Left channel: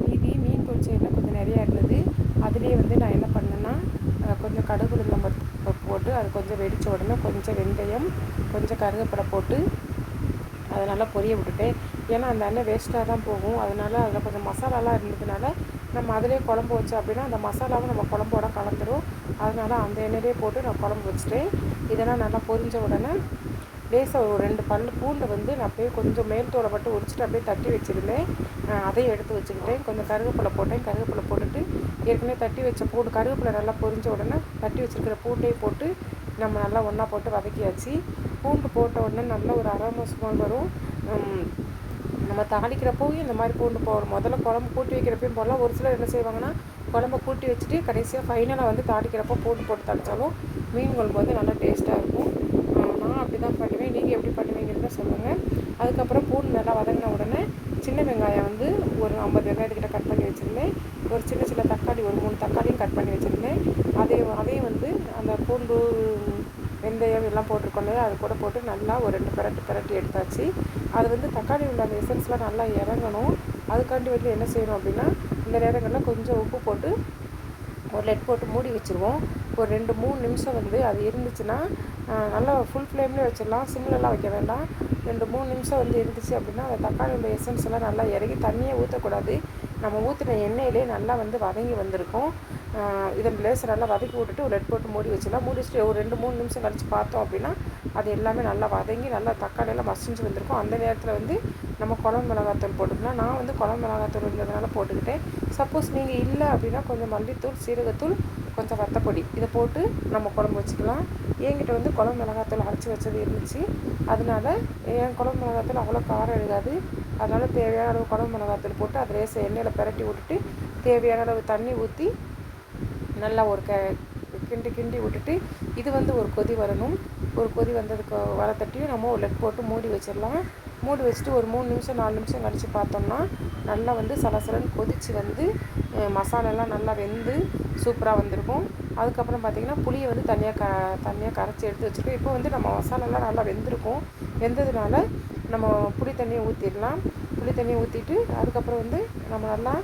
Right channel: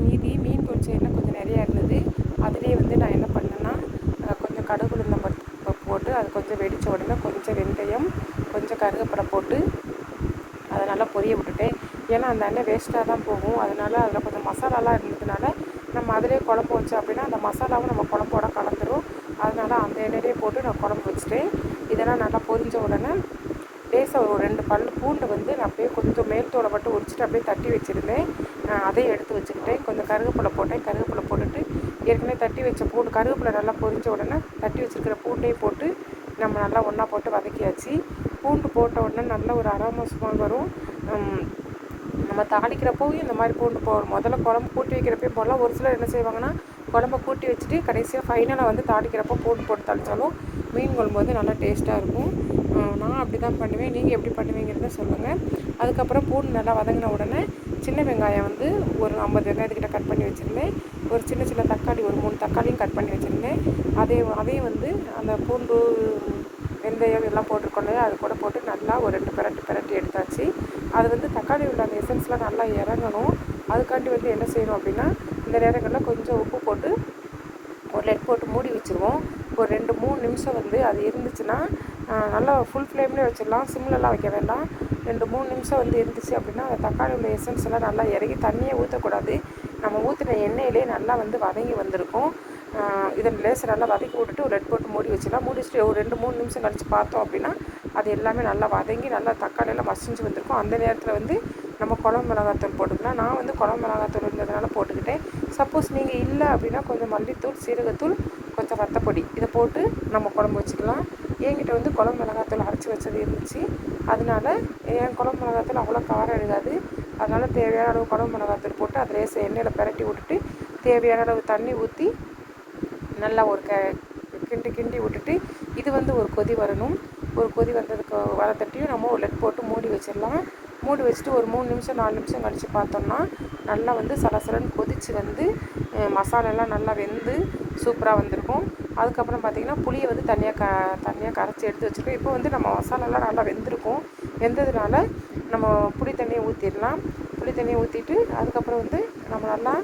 மீதி மீன் பொரிச்ச சைடில் கொஞ்சம் நிறையா இருந்தது. அதுலேயே வந்து நான் என்ன பண்ணேன்னா கொஞ்சம் கடுகு போட்டு அது கொஞ்சம் வெடித்த உடனே கொஞ்சம் வெந்தயம் கொஞ்சம் கருகப்படை போட்டு அதை நல்லா பொரிய விட்டுட்டேன். ஏன்னா அந்த எண்ணெய் வேஸ்ட்டாக தான் போகும். அதனால் அதில் கொஞ்சம் மசாலாலாம் இருந்ததுனால நம்ம அதிலே குழம்பு வச்சோம் அப்படின்னா அந்த மசாலாவும் நம்ம குழம்போட கலந்துரும். அதனால் அந்த எண்ணெயிலே போட்டு நான் குழம்பு வச்சுட்டேன். இதெல்லாம் நல்லா பொரிஞ்ச உடனே லேசாக ஒரு ரெண்டு பல் பூண்டு வந்து நான் அப்படியே கொஞ்சம் மேல் தோலை மட்டும் உரிச்சிட்டு அப்படியே தட்டி வச்சுருந்தேன். அதையும் எடுத்து வச்சுக்கிட்டேன். கொஞ்சம் கருவேப்பிலை போட்டேன். கருவேப்பிலை போட்டுட்டு ஏற்கனவே தட்டி வச்ச பூண்டு கருவேப்பிலை நல்லா பொரிஞ்ச உடனே தட்டி வச்சுருக்கிற பூண்டையும் போட்டு நம்ம நல்லா ஒன்றா போட்டு வதக்கியாச்சு. பூண்டு போட்ட உடனே நல்ல ஒரு அரோமா ஸ்மெல் வரும். நம்ம தாளிக்கிறப்போவும் இந்த மாதிரி பூண்டு போடணும் முதல்ல குழம்பு கூட்டி வைக்கிறப்பையும் போடலாம். ஒரு சிலர் என்ன செய்வாங்கன்னா குழம்ப கூட்டி வச்சுட்டு கடைசியாக ஃபைனலாக வந்து தாளிக்கிறப்போ பூண்டு போட்டு தாளித்தாலும் மீன் குழம்பு வந்து நல்லா டேஸ்ட்டாக இருக்கும். நான் அப்படி தான் பண்ணுவேன். நீங்கள் எப்படி பண்ணுவீங்கிறத சொல்லுங்கள் அதுக்கப்புறம் பூண்டு நல்லா வதங்கின உடனே சின்ன வெங்காயம் வந்து ஒரு ஐம்பது வெங்காயத்துக்கிட்ட கட் பண்ணி வச்சுருந்தேன். ஒரு சின்ன சின்ன தக்காளி ஒரு மூணு தக்காளியும் கட் பண்ணி வச்சுருந்தேன். அதே அதையும் வந்து அந்த பூண்டு வெந்தயம் எல்லாம் போட்டிருக்கோம் அது கூட போட்டு நல்லா ஒரு ரெண்டு பிரட்டு பிரட்டி எடுத்தாச்சு. அது வந்து தக்காளி உள்ள அந்த எசன்ஸ்லாம் நல்லா இறங்கணும். அதுக்காண்டி வந்து என்ன செய்யணும் அப்படின்னா இந்த நேரங்களில் கொஞ்சம் உப்பு போட்டு ஒரு லெட் போட்டு மூடி வச்சுருவோம். ஒரு ரெண்டு மூணு நிமிஷம் வந்து அது இருந்துச்சுன்னா நல்லா ஃபுல் ஃப்ளேம்லேயே வச்சிடலாம். சிம்லலாம் வைக்க வேண்டாம். ரெண்டு மூணு நிமிஷம் வந்து இருந்துச்சு அப்படின்னா அந்த தக்காளி உள்ள எசன்ஸ் எல்லாம் நல்லா இறங்கி தண்ணியே ஊற்றக்கூடாது நம்ம ஊற்றின எண்ணெயிலே நல்லா வந்து வதங்கி வந்திருக்கும். இதை லேசர் நல்லா வதக்கி விட்டுட்டு ஒரு ரெட் போட்டு மூடி வச்சிடலாம். மூடி வச்சுட்டு ஒரு ரெண்டு மூணு நிமிஷம் கழித்து பார்த்தோம் அப்படின்னா அது எல்லாமே நல்லா வதங்கி நல்லா தக்காளியெல்லாம் மசிஞ்சு வந்திருக்கும். அந்த நேரத்தில் வந்து நம்ம குழம்பு மிளகாத்தூள் போட்டுக்கலாம் நான் வந்து குழம்பு மிளகாத்தூள் இருந்ததுனால போட்டுக்கிட்டேன். சப்போஸ் நீங்கள் இல்லை அப்படின்னா கொஞ்சம் மல்லித்தூள் சீரகத்தூள் கொஞ்சம் வத்தப்பொடி. இதை போட்டு நம்ம குழம்பு வச்சுக்கலாம். என்கிட்ட வந்து குழம்பு மிளகாத்தூள் அரைச்சி வச்சது இருந்துச்சு. அதனால என் குழம்பு மிளகாத்தூள் அவ்வளோ காரம் எழுதாது அதனால் தேவையான அளவு குழம்பு மிளகாத்தூள் போட்டு அதை லேசை எண்ணெயில் பரட்டி விட்டுட்டு தேவையான அளவு தண்ணி ஊற்றி நல்லா ஒரு க கிண்டி கிண்டி விட்டுட்டு இது வந்து ஒரு கொதி வரணும். ஒரு கொதி வந்ததுக்கு வரத்தட்டியும் நம்ம ஒரு லெட் போட்டு மூடி வச்சிடலாம். மூடி வச்சுட்டு ஒரு மூணு நிமிஷம் நாலு நிமிஷம் கழித்து பார்த்தோம்னா நல்லா வந்து சலசலன்னு கொதித்து வந்து மசாலாலாம் நல்லா வெந்து சூப்பராக வந்திருக்கும். அதுக்கப்புறம் பார்த்திங்கன்னா புளியை வந்து தனியாக க தனியாக கரைச்சி எடுத்து வச்சுருக்கோம். இப்போ வந்து நம்ம மசாலாலாம் நல்லா வெந்திருக்கும். வெந்ததுனால நம்ம புளி தண்ணியை ஊற்றிடலாம் புளி தண்ணியை ஊற்றிட்டு அதுக்கப்புறம் வந்து நம்ம நல்லா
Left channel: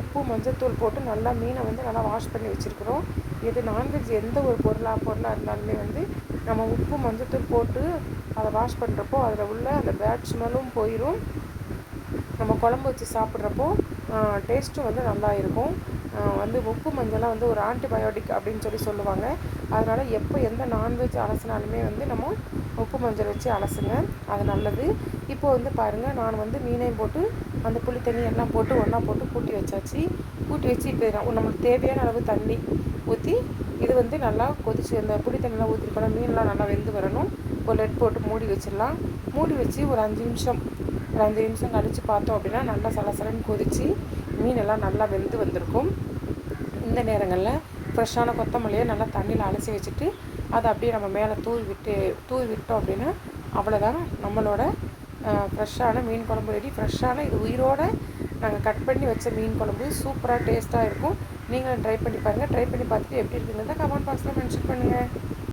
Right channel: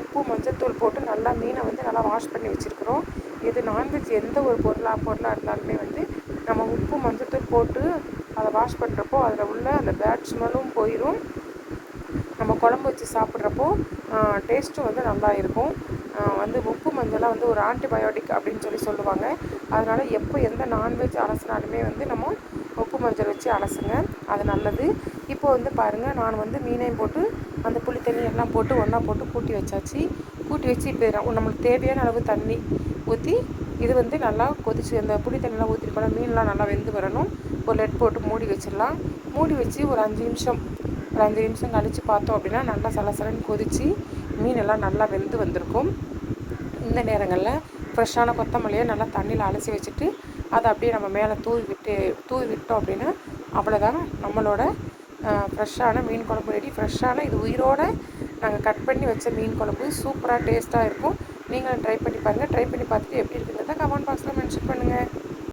உப்பு மஞ்சத்தூள் போட்டு நல்லா மீனை வந்து நல்லா வாஷ் பண்ணி வச்சுருக்குறோம். இது நான்வெஜ் எந்த ஒரு பொருளாக பொருளாக இருந்தாலுமே வந்து நம்ம உப்பு மஞ்சத்தூள் போட்டு அதை வாஷ் பண்ணுறப்போ அதில் உள்ள அந்த பேட் ஸ்மெல்லும் போயிடும் நம்ம குழம்பு வச்சு சாப்பிட்றப்போ டேஸ்ட்டும் வந்து நல்லா இருக்கும். வந்து உப்பு மஞ்சளாக வந்து ஒரு ஆன்டிபயோட்டிக் அப்படின்னு சொல்லி சொல்லுவாங்க. அதனால் எப்போ எந்த நான்வெஜ் அலசினாலுமே வந்து நம்ம உப்பு மஞ்சள் வச்சு அலசுங்க. அது நல்லது. இப்போ வந்து பாருங்கள் நான் வந்து மீனையும் போட்டு அந்த புளி தண்ணி எல்லாம் போட்டு ஒன்றா போட்டு கூட்டி வச்சாச்சு. கூட்டி வச்சு இப்போ நம்மளுக்கு தேவையான அளவு தண்ணி ஊற்றி இது வந்து நல்லா கொதிச்சு அந்த புளி தண்ணிலாம் ஊற்றிருக்கோம் மீன்லாம் நல்லா வெந்து வரணும். ஒரு லெட் போட்டு மூடி வச்சிடலாம். மூடி வச்சு ஒரு அஞ்சு நிமிஷம் ஒரு அஞ்சு நிமிஷம் கழித்து பார்த்தோம் அப்படின்னா நல்லா சலசலன்னு கொதித்து மீனெல்லாம் நல்லா வெந்து வந்திருக்கும். இந்த நேரங்களில் ஃப்ரெஷ்ஷான கொத்தமல்லியை நல்லா தண்ணியில் அலசி வச்சுட்டு அதை அப்படியே நம்ம மேலே தூவி விட்டு தூவி விட்டோம் அப்படின்னா அவ்வளோதான் நம்மளோட ஃப்ரெஷ்ஷான மீன் குழம்பு ரெடி ஃப்ரெஷ்ஷான இது உயிரோடு நாங்கள் கட் பண்ணி வச்ச மீன் குழம்பு சூப்பராக டேஸ்ட்டாக இருக்கும். நீங்களும் ட்ரை பண்ணி பாருங்கள் ட்ரை பண்ணி பார்த்துட்டு எப்படி இருக்குங்கிறத கமெண்ட் பாக்ஸில் மென்ஷன் பண்ணுங்கள்